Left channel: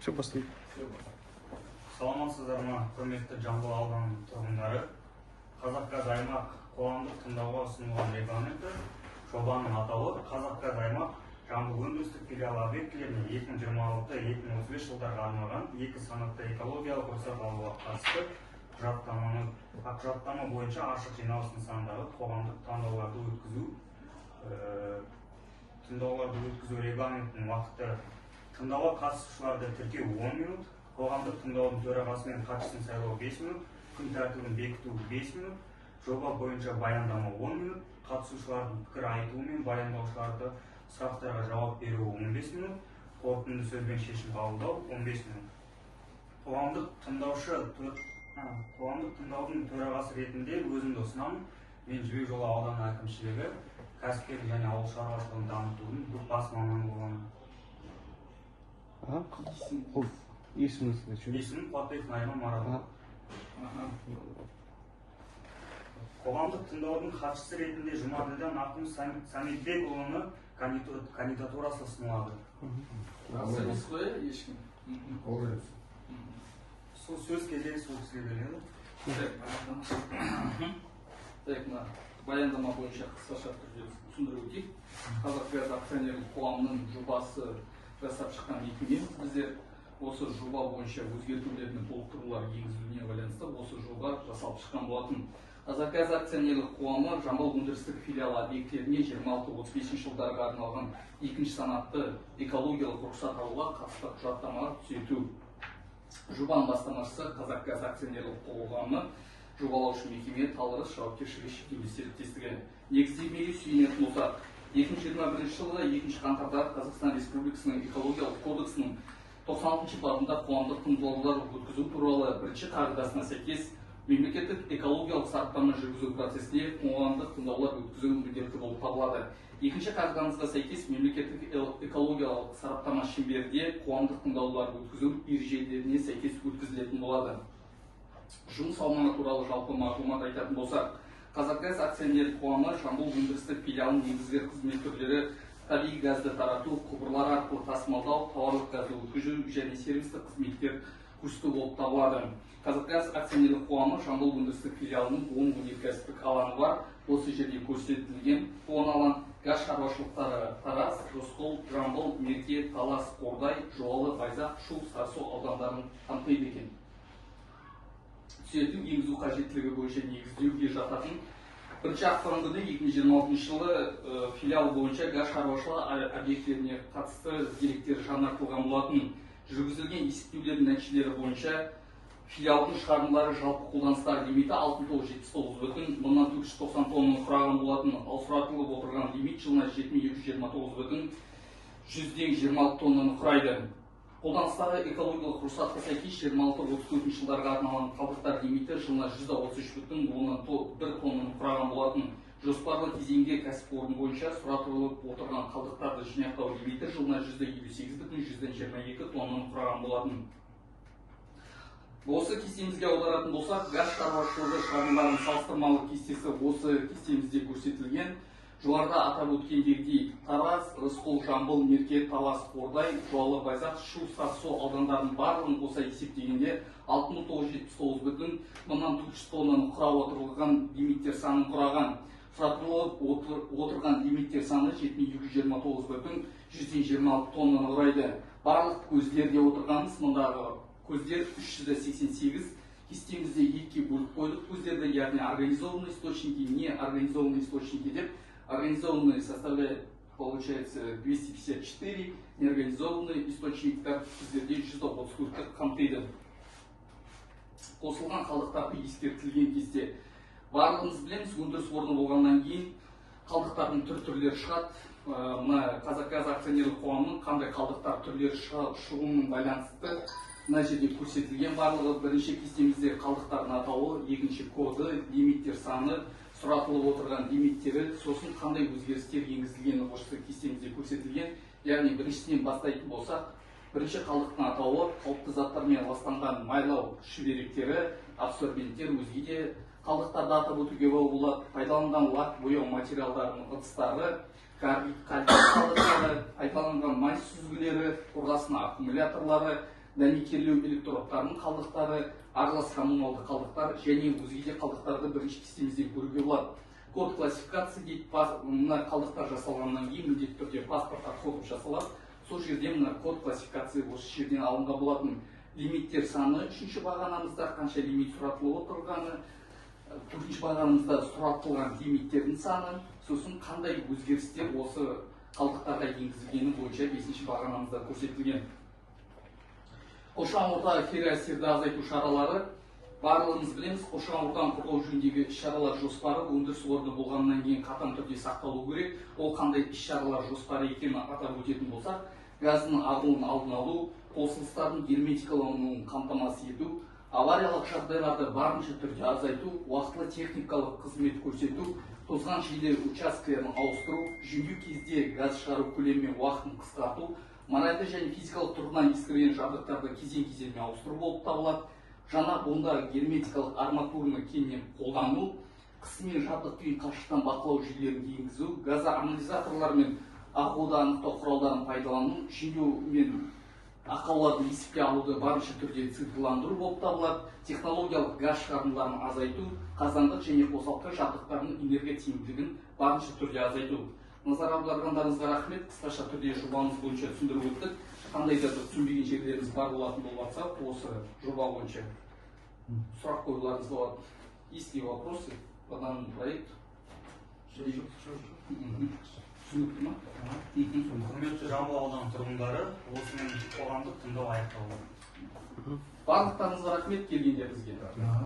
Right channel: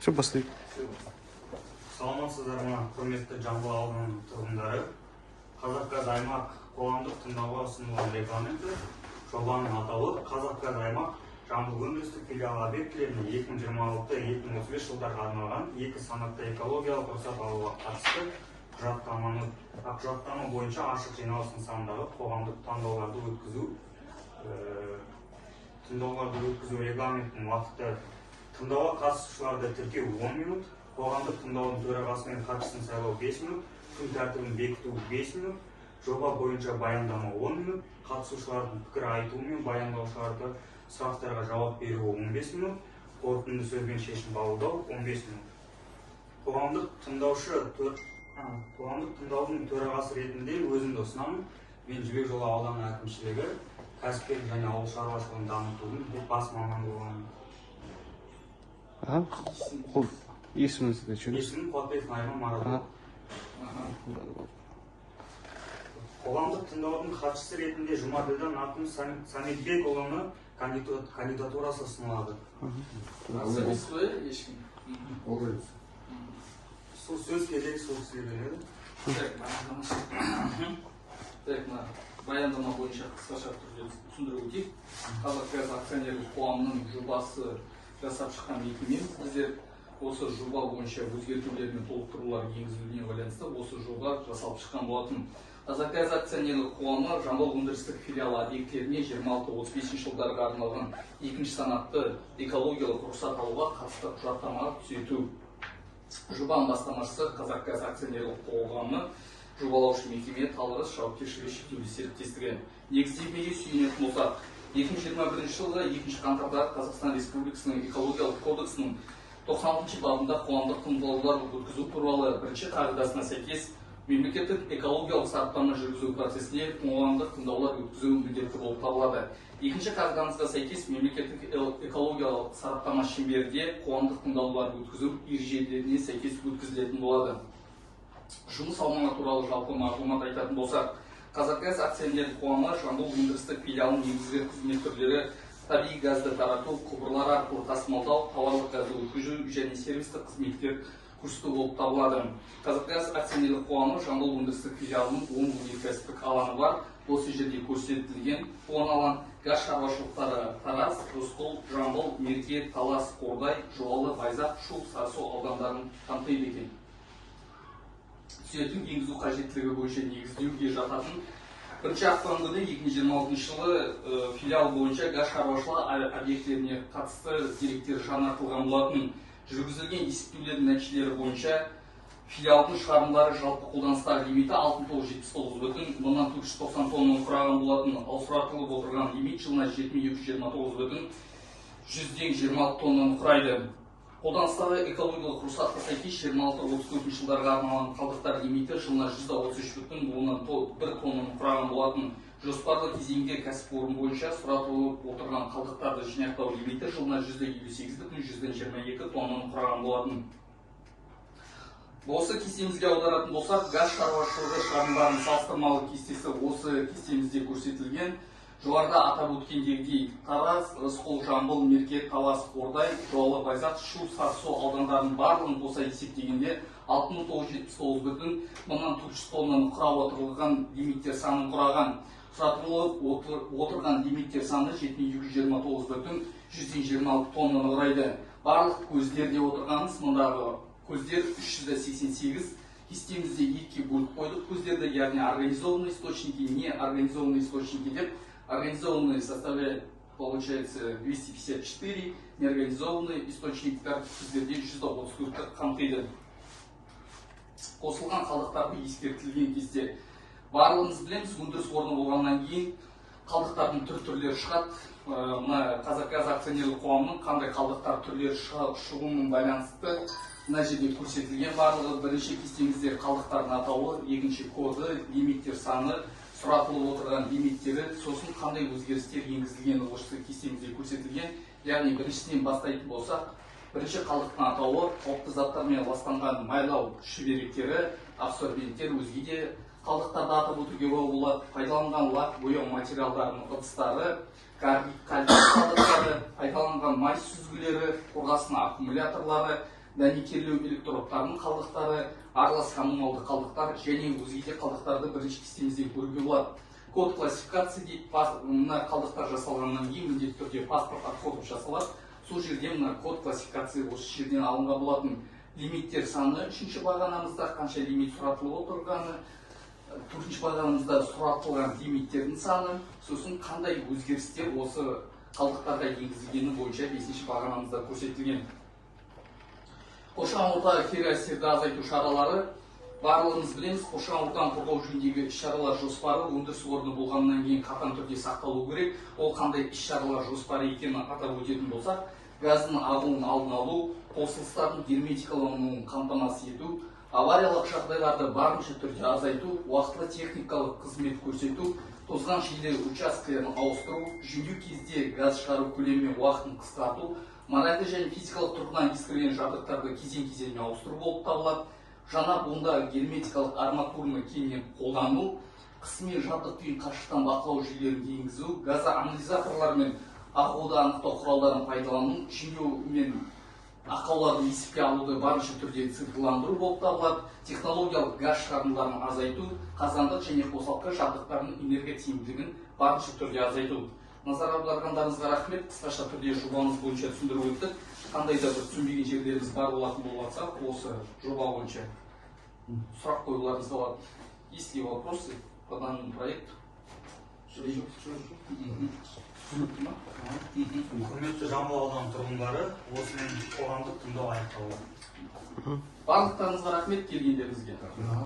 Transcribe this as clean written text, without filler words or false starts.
Все, бастайық. Саламатсыздар ма, құрметті Жамбыл ауданының тұрғындары. Қазақгаз аймақ қоғамдық тыңдауға ұсынылған регламенті жобаның атауы Қазақгаз аймақ Жамбыл өндірістік филиалы объектілеріне 2026-2035 жылдарға арналған екі санатты экологиялық рұқсат алуға қатысты құжаттама бойынша ашық жиналыс нысанындағы қоғамдық тыңдауларды өткізу регламентінің уақыты: тыңдауға қатысушыларды тіркеу 10 минут, қоғамдық тыңдаудың төрағасы мен хатшысын сайлау 5 минут, күн тәртібін бекіту 5 минут, жоба бойынша баяндама 10 минут, қатысушылардың пікір айтуы мен баяндаушыларды сұрақтарға жауап беруі 15 минут, қорытынды сөзбен шешім қабылдау 15 минут. Қоғамдық тыңдаудың төрағасы ретінде өзімді ұсынамын. Мен Жібек Жолы ауданы әкімшілігі кәсіпкерлік және ауыл шаруашылығын дамытудың бас мамандығын. Есіміңізді жөн? Есімім Қуатбеков Найман Марат. Қоғамдық тыңдаудың хатшысы ретінде Жұмаділдан Ақын Саметбекұлыны кандидатурасы ұсынылады. Сөз керек, сөз беріледі. Баяндама бойынша қысқаша түрде түсіндіріп өтейік. Қазақгаз акционерлік қоғамының жобасы жасап шыққан мекеме. Біздер осы жоба бойынша өзгертулер мен толықтырулар енгізілуіне байланысты осы жоба жасалып шыққан болатын. Қазақгаз акционерлік қоғамы Жамбыл өндірістік филиалы объектілеріне 26-35 жылдарға арналған екінші санатты экологиялық рұқсат алуға қатысты құжаттама түзету. Жобаның бастамашысы Қазақгаз акционерлік қоғамы жобалаушы мекеме Талғарыс жауапкершілігі шектеулі серіктестігі. Негіздемеге сүйенетін болсақ, 2021 жылғы 2 қаңтарда Қазақстан Республикасының экологиялық кодексінің 96 бабында қоғамдық тыңдаулар өткізу туралы бірінші қағидасына сәйкес мемлекеттік экологиялық сараптама жүргізу процесінде қоғамдық тыңдаулар өткізу міндетті болып табылады. Екінші қағидамызға сәйкес мемлекеттік экологиялық сараптама шеңберінде қоғамдық тыңдаулар өткізу ережелеріне сәйкес өткізілетін болады. Жұмыс аумағы туралы жалпы мағлұмат айтатын болсақ, Қазақгаз акционерлік қоғамы Жамбыл өндірістік филиалының негізгі қызмет түрлері табиғи газды тарату, құбырлар арқылы тасымалдау, тауарлық газды өткізу және сервистік қызметтер көрсету болып табылады. Қазақгаз акционерлік қоғамы Жамбыл өндірістік филиалының 10 өнеркәсіптік алаңы бар. Осы жерде көрсетілген 10 алаң газ шаруашылықтары Тараз, Рысқұл, Жамбыл, Мерке, Талас, Қордай, Жуалы, Байзақ, Шу, Сарысу аудандарын қамтиды екен. Түзету енгізу қажеттілігі бойынша негіздеуге жататын. Бірінші ақпан күні 2026 жылы филиал бойынша газ шаруашылығы объектілеріне қатысты деректер жаңартылған болатын. Жүргізілген есептеулердің нәтижелері бойынша филиалдың шығарындылары жалпы қолданыстағы лимиті 6,79,490 тоннаны құраған болатын. Ал сұратылып отырған лимит жылына 7,229,126 тоннаны құрайды. Қолданыстағы экологиялық рұқсатқа сәйкес 26-34 жылдарға арналған қалдықтар лимиті жылына 133,1 тоннаны құраған болатын. Жоспарлы кезеңде кәсіпорын бойынша сұратылып отырған қалдықтарды жинақтау лимиті жылына 158,122 тоннаны құраған болатын. Осы кестемізге аударатын болсақ, газ шаруашылығы шығарындыларының салыстырмалы кестесі осы кестемізде көрсетілген. Жоғарыда атап өткендегідей Тараз, Рысқұл, Жамбыл, Мерке, Талас, Қордай, Жуалы, Байзақ, Шу, Сарысу аудандарының барлығын қоса есептегенде 6,979,400 тоннаны құрап отырған лимиттер санын құраған. Сұратылып отырған лимиттер саны 7,229,126 тоннаны құрайды. Барлық көздерде отырғанымыз мұндағы көздер 388. Кестемізде екіге бөліп қойдық көздерді, яғни организованные источники, неорганизованные источники деп. Организованные составляют, получается, 254, неорганизованные источниктер көздерде 194 қамтиды. Қосылған қалдықтарды ескертілген кезде барлығымыз білеміз, өндіріс орны болғаннан кейін қалдықтардың түрлері шығады. Мына Қазақгаз акционерлік қоғамының қандай қалдықтар түрлері шығуының байланысты мына жерде көрсетілген. Барлығы бірінші кестемізде қалдықтардың атауы, екінші коды, лимиттер саны, сұратылып отырған лимиттері, сосын қандай өзгерістер енгізілгені осы кестемізде көрсетілген. Яғни біріншіден бастайтын болсақ, бірінші қалдықтың атауы қауіпті заттармен ластанған майлау шүберектері, абсорбенттер, өзге де қалдықтарды атап өтуге болады. Пайдаланған лак бояу материалдарының ыдыстары, карбид қалдықтары, пайдаланған май сүзгілері, қорғасын аккумуляторлары, дәнекерлеу электродтарының қалдықтары, аралас коммуналды қалдықтар және өзге де қалдықтарды бірінші кестемізден көруге болады. Код классификация дейді, мына қалдықтар жасалғаннан кейін міндетті түрде паспорт отходов жасалады. Сол жерде мына код классификация осы жерден алынған болатын. Лимиттер саны үшінші бағанымызда қанша лимит сұратылып отырғаны, төртінші бағанымызда сұратылған лимиттердің саны, сосын қандай өзгерістер осы қалдықтарға енгізілгені бойынша бесінші бағанымызда көрсетілген. Қоршаған орта ферроәсерді азайту шаралары. Барлығымыз білеміз, қоршаған ортаны қорғау жөніндегі іс-шаралар жоспары өндіріс орны болғаннан кейін қатаң түрде сақталу керек. Ол қандай іс-шаралар жоспары екенін атап өтетін болсақ, газдың ағуын алдын алу, қосылыстардың герметикалануын қамтамасыз ету, авариялық жағдайларды барынша түрде азайту, уақытылы техникалық қызмет көрсету, тозған жерлер учаскелерін ауыстыру, жөндеу кезде газ шығару көлемі мен уақытын қысқарту, моральды және физикалық тұрғыдан ескірген жабдықтарды кезең-кезеңмен ауыстыру болып табылады. Жаңа бонда герметикалық арматураны кеңінен қолдану, қысыммен жабдық күйін қашықтан бақылау жүйелерін енгізу, газоанализаторлар мен ақауды анықтау құралдарын пайдалану, жөндеу мен ақауларды есепке алуды барынша түрде цифрландыру болып табылады. Технологиялық газ шығарындыларын азайту, қазандық және қосалқы жабдықтарының энергия тиімділігін барынша түрде азайту. Назар аударғандарыңызға рахмет. Қысқаша түрде жобамыз бойынша түсіндіріп өттік. Қандай да бір түсінбеген жерлеріміз бар болатын болса, осы жоба бойынша сұрақ қоюларыңыз болады. Есть ли вопросы по данному проекту? Құрметті Жамбыл ауданы тұрғындары, осымен қоғамдық тыңдау аяқталды. Барлықтарыңызға рахмет келгендеріңізге.